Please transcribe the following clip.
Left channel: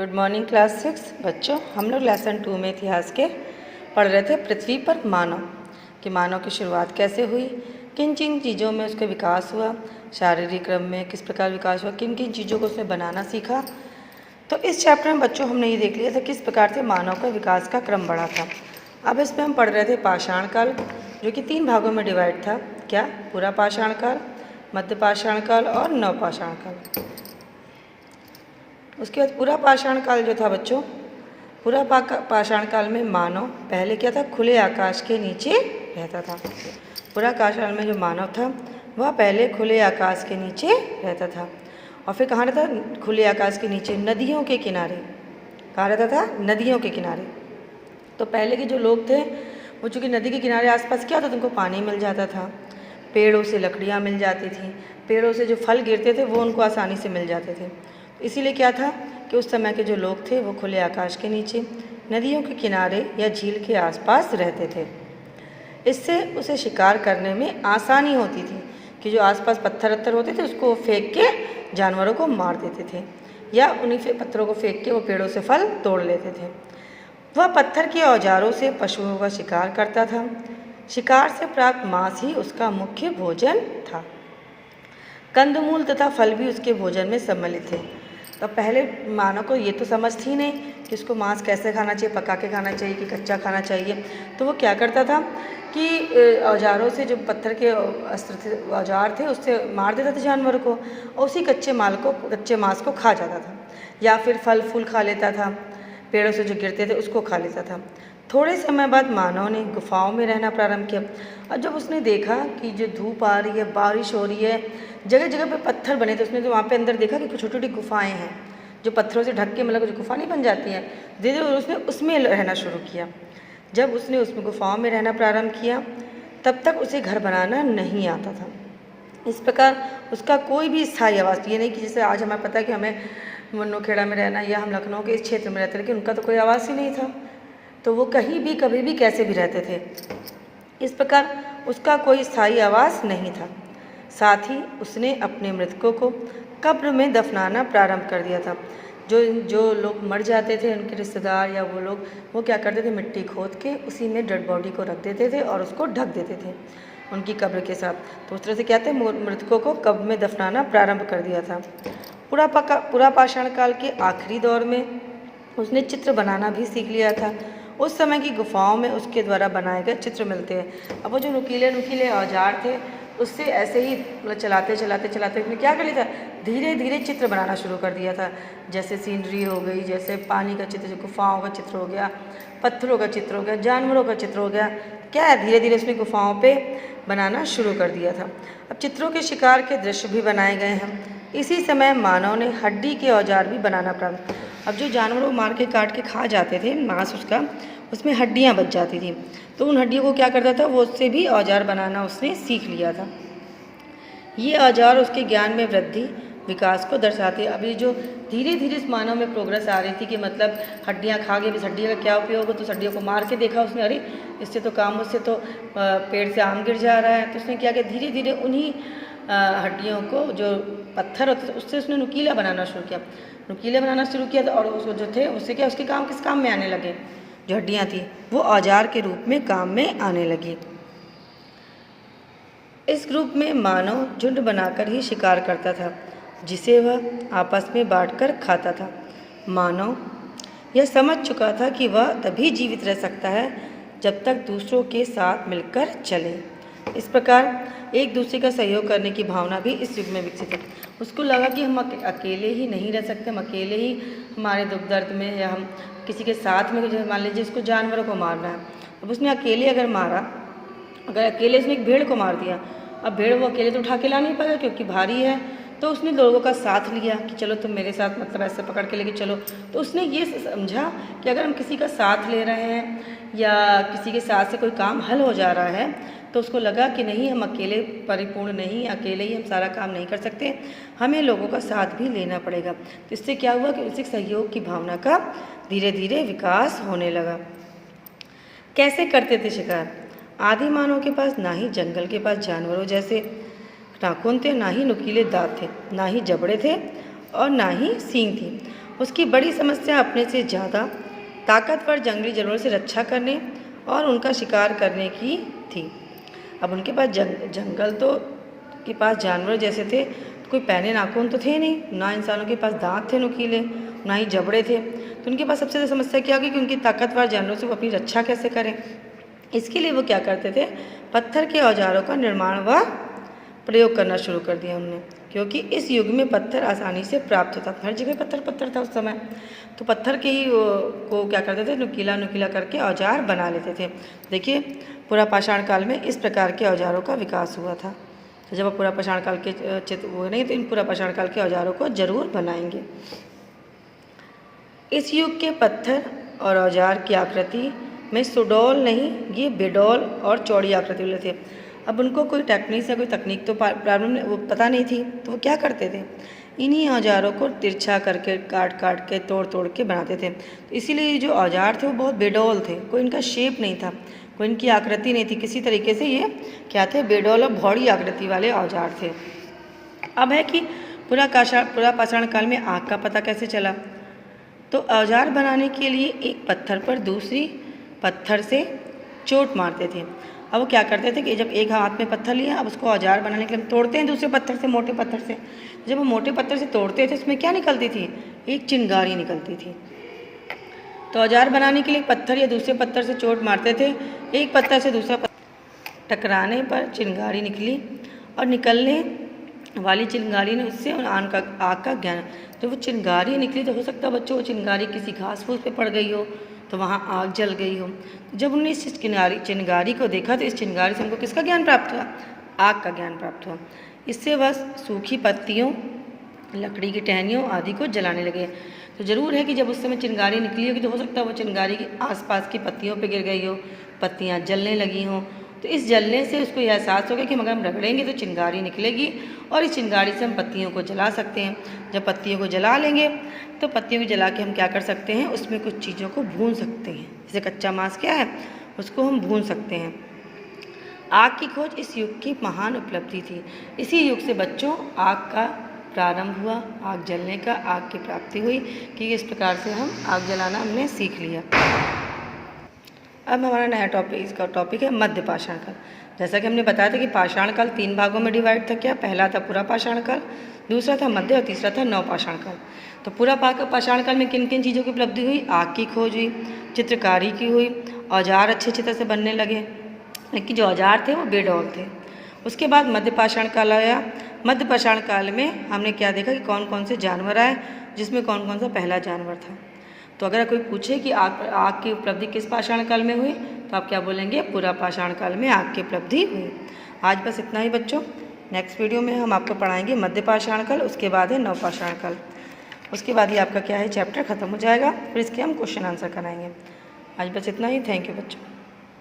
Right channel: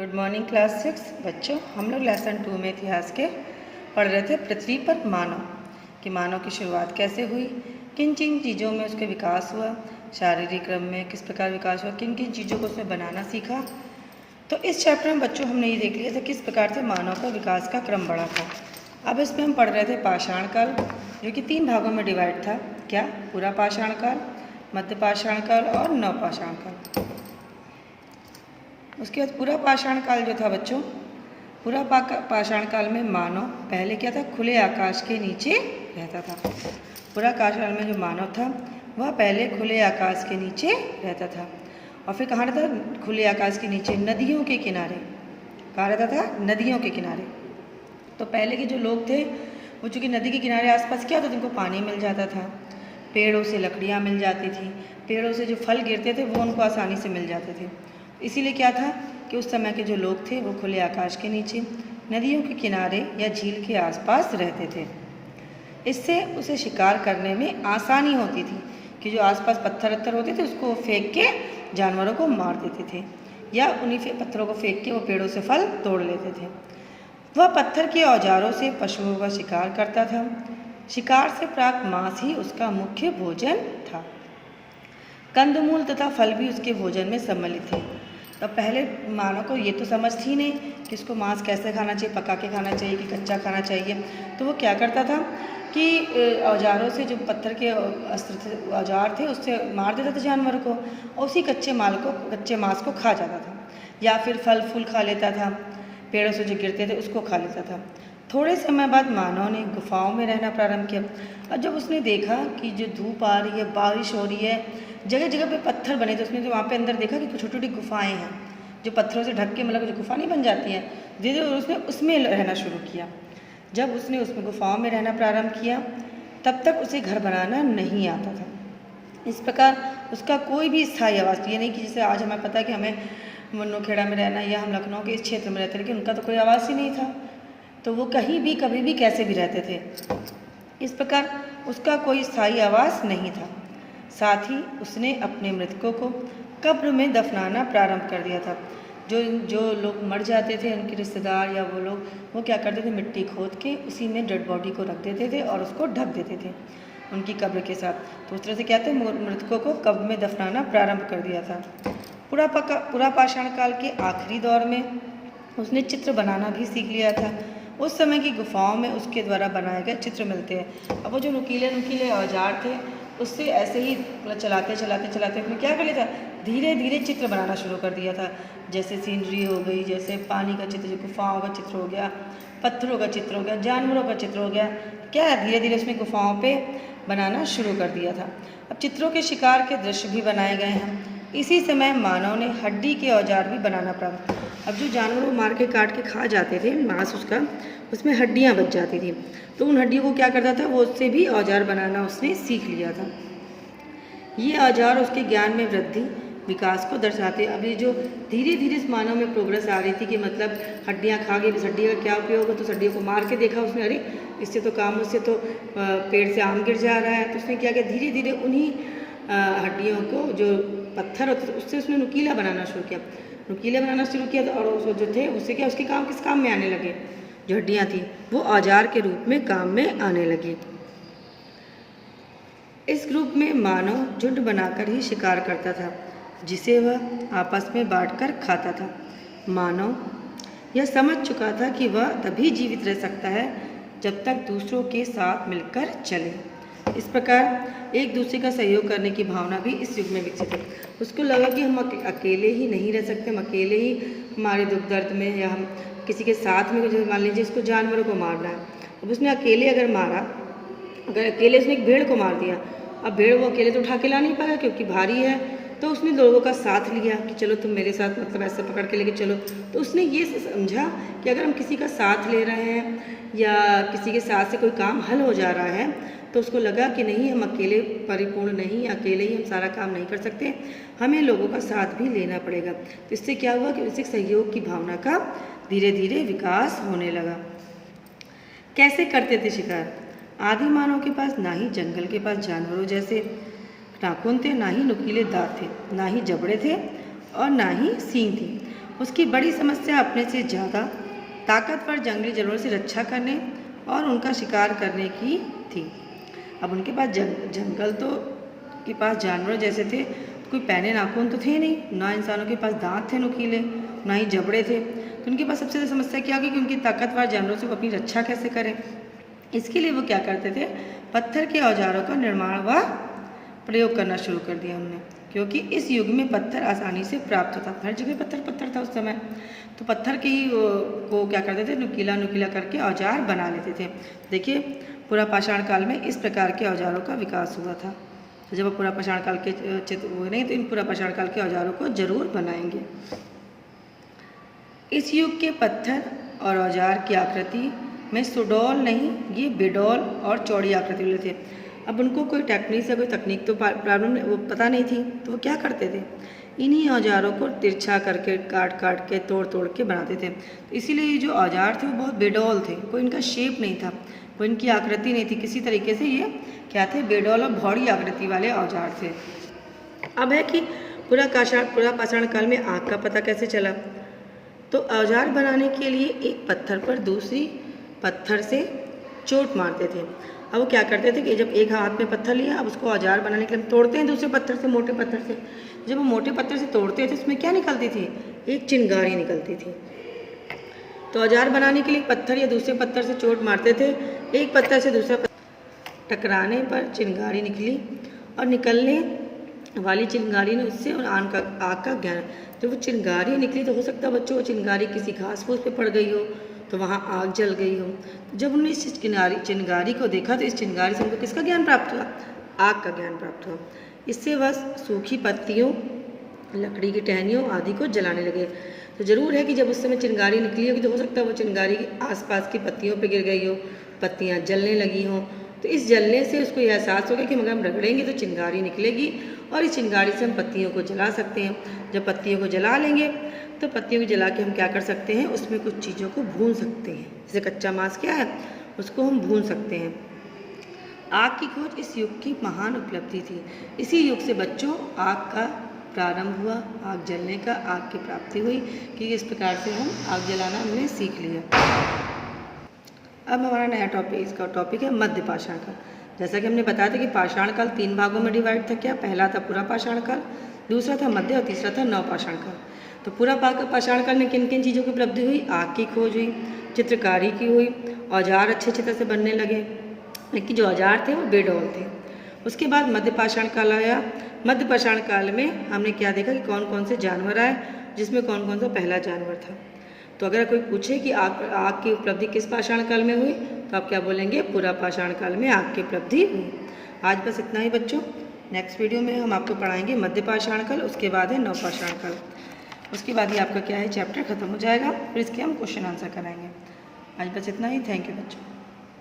Good morning class 6 बच्चों। हम लोग लेसन 2 में इतिहास के पढ़ रहे थे पृथ्वी पर मानव कि मानव की शुरुआत कैसे हुई, किन किन चीज़ों में उसका विकास हुआ, शारीरिक क्रम में किस प्रकार विकास हुआ, किन किन चीज़ों को उसने बनाना सीखा। तो इस चैप्टर में बच्चों हमने ये देख लिया था किस प्रकार से मानव का विकास का क्रम बढ़ा था। अब इसमें हम पढ़ रहे थे पाषाण काल, जो कि 3 भागों में डिवाइड था। क्या? पूरा पाषाण काल, मध्य पाषाण काल और नवपाषाण काल। उसके बाद पूरा पाषाण काल जो था बच्चों, पूरा पाषाण काल में मानव पहले क्या था, खुले आकाश के नीचे रहता था। पूरा पाषाण में जो मानव था वह पहले खुले आकाश के नीचे रहता था। और फिर कहाँ रहता था? खुले आकाश के नीचे नदियों के किनारे। कहाँ रहता था? नदियों के किनारे। तो पहले के जो लोग थे वो चूँकि नदी के किनारे आसपास क्या होता था, उनको पानी मिल जाता था, पेड़ों से लकड़ियाँ मिल जाती थी, पेड़ों से जो फल गिरते थे वो उनको आसानी से मिल जाते थे। इसीलिए क्या था कि उस समय के जो लोग थे वो खुले आकाश के नीचे नदियों के किनारे या झील के आसपास रहते थे। इससे उसे शिकार करने में आसानी होती थी कि जो आसपास पत्थर वत्थर होते थे उसको फेंक के जानवरों को मार देते थे, या उन्हीं पत्थरों को फेंक के वो पेड़ों से फल तोड़ लेते थे। वह पत्थर के औजारों से पशुओं का शिकार करता था। शिकार से प्राप्त मांस ही उसका मुख्य भोजन था। कंदमूल तथा फल भी उसके भोजन में सम्मिलित थे। तो पहले मानव को ये तो समझ थी नहीं कि उसको मांस कैसे खाना चाहिए, पका के खाना चाहिए कि कच्चा खाना चाहिए। तो वो क्या करता था कि औजारों से, जो पत्थर के अस्त्र थे, औजार थे, उससे मार देता था जानवर को और उसी कच्चे मांस को खा जाता था। या फिर फल फूल खा लेता था, पेड़ों से जो गिरते थे उसको खा लेता था। थोड़े समय बाद मानव ने गुफाओं में रहना प्रारंभ किया। और जब उसने देखा कि जो धूप आ रही है, बारिश हो रही है, जगह जगह पे पत्थर बने थे, उसने तो वहाँ पे अंदर देखा कि कुछ छोटी छोटी गुफाएं हैं जो पत्थरों से ढक के, मतलब जो गुफा नहीं बन जाती है, धीरे धीरे उसने उसमें रहना शुरू किया। जब उसने उसमें गुफाओं में रहना प्रारंभ किया तब तक उसे घर बनाना नहीं आता था। इस प्रकार उसका कोई भी स्थायी आवास, ये नहीं कि जैसे आज हमें पता है कि हमें मन्नूखेड़ा में रहना या हम लखनऊ के इस क्षेत्र में रहते, लेकिन उनका तो कोई आवास ही नहीं था। तो वो कहीं भी कभी भी कैसे भी रहते थे। इस प्रकार उसका कोई स्थायी आवास नहीं था। साथ ही उसने अपने मृतकों को कब्र में दफनाना प्रारंभ कर दिया था। जो लोग मर जाते थे, उनके रिश्तेदार या वो लोग, वो क्या करते थे, मिट्टी खोद के उसी में डेड बॉडी को रख देते थे और उसको ढक देते थे उनकी कब्र के साथ। तो उस तरह से क्या थे, मृतकों को कब्र में दफनाना प्रारंभ कर दिया था। पूरा पाषाण काल के आखिरी दौर में उसने चित्र बनाना भी सीख लिया था। उस समय की गुफाओं में उसके द्वारा बनाए गए चित्र मिलते हैं। अब वो जो नुकीले औजार थे उससे ऐसे ही मतलब चलाते उसने क्या कर लिया था, धीरे धीरे चित्र बनाना शुरू कर दिया था। जैसे सीनरी हो गई, जैसे पानी का चित्र, जो गुफाओं का चित्र हो गया, पत्थरों का चित्र हो गया, जानवरों का चित्र हो गया, क्या है, धीरे धीरे उसने गुफाओं पे बनाना शुरू कर दिया था। अब चित्रों के शिकार के दृश्य भी बनाए गए हैं। इसी समय मानव ने हड्डी के औजार भी बनाना प्रारंभ। अब जो जानवरों मार के काट के खा जाते थे मांस उसका, उसमें हड्डियाँ बच जाती थी, तो उन हड्डियों को क्या करता था, वो उससे भी औजार बनाना उसने सीख लिया था। ये औजार उसके ज्ञान में वृद्धि विकास को दर्शाते। अभी जो धीरे धीरे इस मानव में प्रोग्रेस आ रही थी कि मतलब हड्डियाँ खा गए, इस हड्डी का क्या उपयोग हो, तो हड्डियों को मार के देखा उसने, अरे इससे तो काम, उससे तो पेड़ से आम गिर जा रहा है। तो उसने क्या किया, धीरे धीरे उन्हीं हड्डियों को, जो पत्थर होते थे, उससे उसने नुकीला बनाना शुरू किया और उसको जो थे उससे क्या, उसके काम किस काम में आने लगे, जो हड्डियाँ थी वो औजार के रूप में काम में आने लगी। इस ग्रुप में मानव झुंड बनाकर ही शिकार करता था, जिसे वह आपस में बांटकर खाता था। मानव यह समझ चुका था कि वह तभी जीवित रह सकता है जब तक दूसरों के साथ मिलकर चले। इस प्रकार एक दूसरे का सहयोग करने की भावना भी इस युग में विकसित है। उसको लगा कि हम अकेले ही नहीं रह सकते, हम अकेले ही हमारे दुख दर्द में, या हम किसी के साथ में, जैसे मान लीजिए इसको जानवरों को मारना है, अब उसने अकेले अगर अकेले उसने एक भेड़ को मार दिया, अब भेड़ वो अकेले तो उठा के ला नहीं पाएगा क्योंकि भारी है, तो उसने लोगों का साथ लिया कि चलो तुम मेरे साथ, मतलब ऐसे पकड़ के लेके चलो। तो उसने ये समझा कि अगर हम किसी का साथ ले रहे हैं या किसी के साथ से कोई काम हल हो जा रहा है, तो उसको लगा कि नहीं, हम अकेले परिपूर्ण नहीं, अकेले ही हम सारा काम नहीं कर सकते, हमें लोगों का साथ भी लेना पड़ेगा। तो इससे क्या हुआ कि उससे सहयोग की भावना का धीरे धीरे विकास होने लगा। कैसे करते थे शिकार? आदि मानव के पास ना ही जंगल के पास जानवरों जैसे नाखून थे, ना ही नुकीले दांत थे, ना ही जबड़े थे और ना ही सींग थी। उसकी बड़ी समस्या अपने से ज़्यादा ताकतवर जंगली जानवरों से रक्षा करने और उनका शिकार करने की थी। अब उनके पास जंगल तो के पास जानवर जैसे थे, कोई पैने नाखून तो थे नहीं, ना इंसानों के पास दांत थे नुकीले, ना ही जबड़े थे। तो उनके पास सबसे ज़्यादा समस्या क्या होगी कि उनकी ताकतवर जानवरों से वो अपनी रक्षा कैसे करें। इसके लिए वो क्या करते थे, पत्थर के औजारों का निर्माण व प्रयोग करना शुरू कर दिया उन्होंने, क्योंकि इस युग में पत्थर आसानी से प्राप्त होता था। हर जगह पत्थर था उस समय, तो पत्थर के ही को क्या करते थे, नुकीला करके औजार बना लेते थे। देखिए पुरा पाषाण काल में इस प्रकार के औजारों का विकास हुआ था। तो जब पुरा पाषाण काल के चित्र हुए नहीं तो इन पुरा पाषाण काल के औजारों को जरूर बनाएंगे। इस युग के पत्थर और औजार की आकृति में सुडौल नहीं, ये बेडौल और चौड़ी आकृति वाले थे। अब उनको कोई टेक्निक या कोई तकनीक तो प्रॉब्लम वो पता नहीं थी, तो वो क्या करते थे, इन्हीं औजारों को तिरछा करके काट के तोड़ के बनाते थे। तो इसीलिए जो औजार थे वो बहुत बेडौल थे, कोई इनका शेप नहीं था, कोई इनकी आकृति नहीं थी, किसी तरीके से ये क्या थे, बेडौल और भौड़ी आकृति वाले औजार थे। अब है कि पुरा पाषाण काल में आग का पता कैसे चला। तो औजार बनाने के लिए एक पत्थर पर दूसरी पत्थर से चोट मारते थे। अब वो क्या करते थे कि जब एक हाथ में पत्थर लिया, अब उसको औजार बनाने के लिए हम तोड़ते हैं दूसरे पत्थर से, मोटे पत्थर से। जब वो मोटे पत्थर से तोड़ते थे तो उसमें क्या निकलती थी, एक चिंगारी निकलती थी। तो औजार बनाने के लिए पत्थर या दूसरे पत्थर से चोट मारते थे, एक पत्थर से दूसरा पत्थर टकराने पर चिंगारी निकली और निकलने वाली चिंगारी ने उससे आग का ज्ञान। जब वो चिंगारी निकली तो हो सकता है बच्चों वो चिंगारी किसी घास फूस पे पड़ गई हो तो वहाँ आग जल गई हो। जब उन्होंने इस चिंगारी को देखा तो इस चिंगारी से उनको किसका ज्ञान प्राप्त हुआ, आग का ज्ञान प्राप्त हुआ। इससे वह सूखी पत्तियों, लकड़ी की टहनियों आदि को जलाने लगे। तो ज़रूर है कि जब उस समय चिंगारी निकली होगी तो हो सकता है वो चिंगारी के आसपास की पत्तियों पर गिर गई हो, पत्तियाँ जलने लगी हों। तो इस जलने से उसको यह एहसास होगा कि मगर हम रगड़ेंगे तो चिंगारी निकलेगी और इस चिंगारी से हम पत्तियों को जला सकते हैं। जब पत्तियों को जला लेंगे तो पत्तियों को जला के हम क्या कर सकते हैं, उसमें कुछ चीज़ों को भून सकते हैं। जैसे कच्चा मांस क्या है, उसको हम भून सकते हैं। आग की खोज इस युग की महान उपलब्धि थी। इसी युग से बच्चों आग का प्रारंभ हुआ, आग जलने का, आग की प्राप्ति हुई कि इस प्रकार से हम आग जलाना हमने सीख लिया। अब हमारा नया टॉपिक है मध्य पाषाण काल। जैसा कि हमने बताया था कि पाषाण काल 3 भागों में डिवाइड था। क्या, पहला था पुरा पाषाण काल, दूसरा था मध्य और तीसरा था नव पाषाण काल। तो पुरा पाषाण काल में किन किन चीज़ों की उपलब्धि हुई, आग की खोज हुई, चित्रकारी की हुई, औजार अच्छे तरह से बनने लगे, लेकिन जो औजार थे वो बेडौल थे। उसके बाद मध्य पाषाण काल आया। मध्य पाषाण काल में हमने क्या देखा कि कौन कौन से जानवर आए, जिसमें कौन कौन सा पहला जानवर था। तो अगर कोई पूछे कि आग की उपलब्धि किस पाषाण काल में हुई तो आप क्या बोलेंगे, पुरा पाषाण काल में आग की उपलब्धि हुई। आज बस इतना ही बच्चों। नेक्स्ट वीडियो में हम आपको पढ़ाएंगे मध्य पाषाण काल, उसके बाद है नव पाषाण काल। उसके बाद ही आपका क्या है, चैप्टर खत्म हो जाएगा, फिर इसके हम क्वेश्चन आंसर कराएंगे। आज बस इतना ही। थैंक यू बच्चों।